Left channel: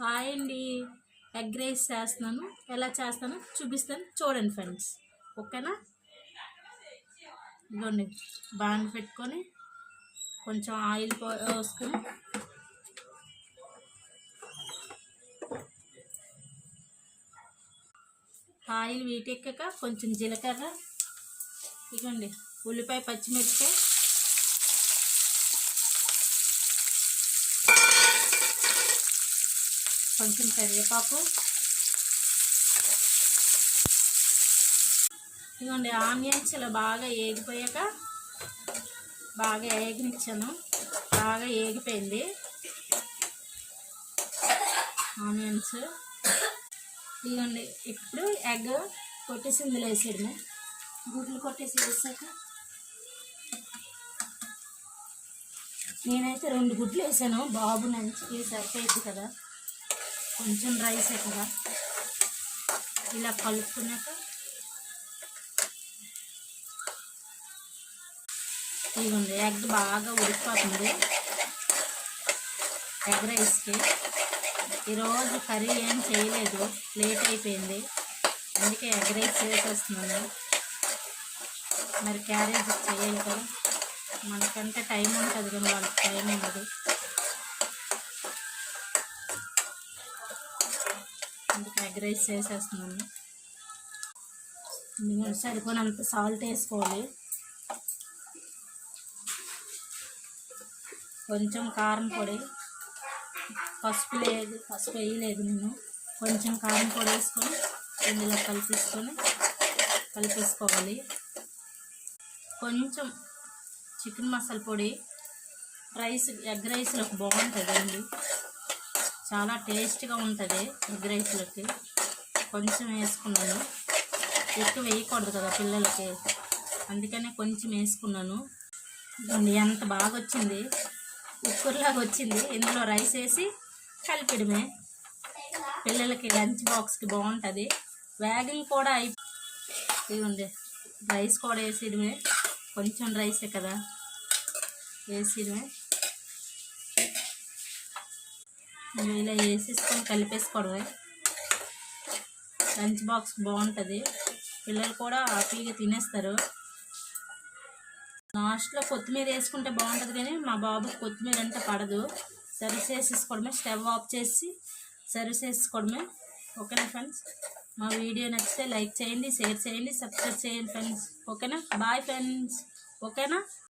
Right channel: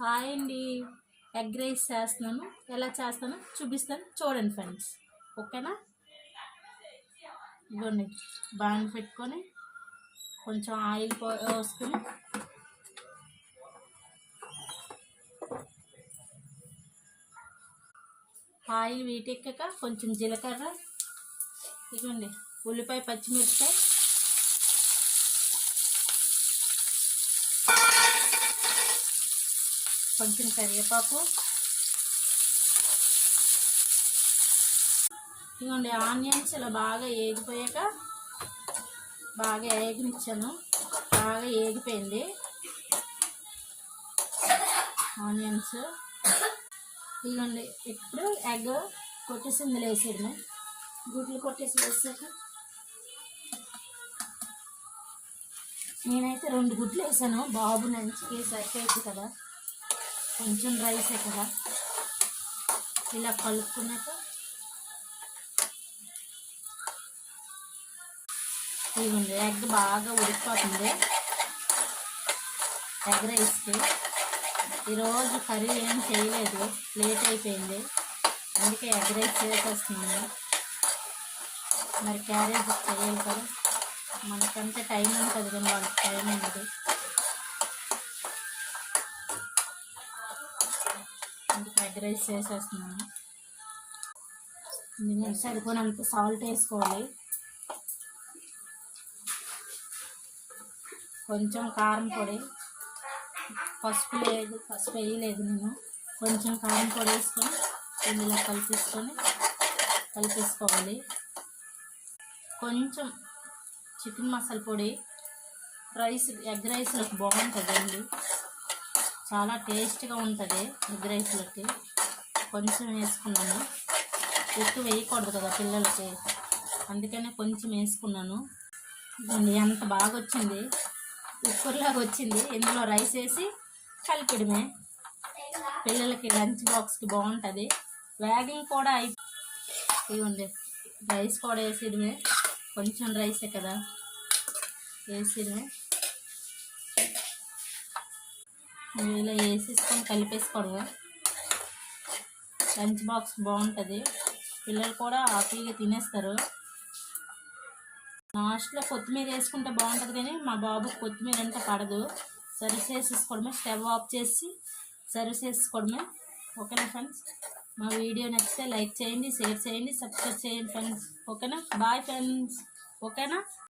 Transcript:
Hi అండి. Egg rice చేస్తున్నాను. ఎలా చేస్తానో చూపిస్తాను, చూడండి ఫ్రెండ్స్. ఓకేనా? ఇదిగోండి, బాండ్ పెట్టుకొని కొంచెం ఆయిల్ పోసుకొని ఆయిల్ వీటెక్కాక కొంచెం జీలకర్ర, ఇదిగోండి ఉల్లిపాయ, పచ్చిమిరపకాయ, కొంచెం కరివేపాకు, ఇదిగోండి ఆనియన్స్ ఇలా బాగా ఏగిపోయాక బాగా ఏగనిచ్చాను. బాగా ఏగిపోయింది ఆనియన్స్. ఇదిగోండి ఇప్పుడు ఎగ్ కొట్టేసి ఇందులో వేసేయడమే. గుడ్లు కొట్టేసి వేసాక నేనైతే 2 గుడ్లు వేసాను. బాబు నంచికి సరిపోయింది కదా, కొంచెం రైసే కదా. ఇలా కలుపుకున్నాక ఇదిగోండి ఎగ్ బాగా ఉడికిపోతుంది. ఎగ్ రైస్కి ఈరోజు కర్రీ ఏం చేయలేదు, లేట్ అయిపోయింది, అందుకే ఎగ్ రైస్ చేసేస్తున్నాను. మరి క్యారేజ్ చేయాలి కదా, మనకంటే టైం ఉంటుంది కానీ వాళ్ళకి టైం ఉండదు. అందుకే ఎగ్ రైస్ చేసేస్తున్నాను. సరిపోయినంత సాల్ట్ వేసుకోవాలి, కొంచెం కారం పొడి, పసుపు వేయలేదు నేను. కొంచెం కారం పొడి వేసుకొని ఇందులో కలిపేసుకోవాలి. కొంచెం చికెన్ మసాలా పొడి, ఎగ్ రైస్లోకి బాగుంటుందండి, చాలా టేస్ట్గా ఉంటుంది ఎగ్ రైస్లోకి. కొంచెం వేసుకున్నాను, ఎక్కువ వేయకూడదు కదా పిల్లలకి, అందుకనే కొంచెం వేసుకున్నాను. ఎంత బాగా వచ్చింది, ఉక్కురులాగా వచ్చింది. ఇందులో రైస్ వేసి కలిపడమే, పిల్లలకి లంచ్ బాక్స్కి బాగుంటుంది. వ్యాగింగ్ కూడా ఇదిగోండి రైస్ కూడా వేసేయడమే, కొంచెం రైసే కదా వేసేయడమే. ఇలా వేసేసుకొని కలిపేసుకోవడమే. లంచ్ బాక్స్ బాగుంటుంది, పిల్లలు కూడా హ్యాపీగా తినేస్తారు. లాస్ట్లో కొత్తిమీర వేసుకుంటే బాగుంటుంది కానీ మా బాబుకి కొత్తిమీర అంటే పడదు. సర్వ్ చేసేసుకోవడమే, స్టవ్ ఆఫ్ చేసి సర్వ్ చేసుకోవడమే. ఓకేనా ఫ్రెండ్స్? మా వీడియో నచ్చితే లైక్ చేయండి, షేర్ చేయండి, సబ్స్క్రైబ్ చేయండి ఫ్రెండ్స్. ఓకేనా? Bye friends. ఓకేనా?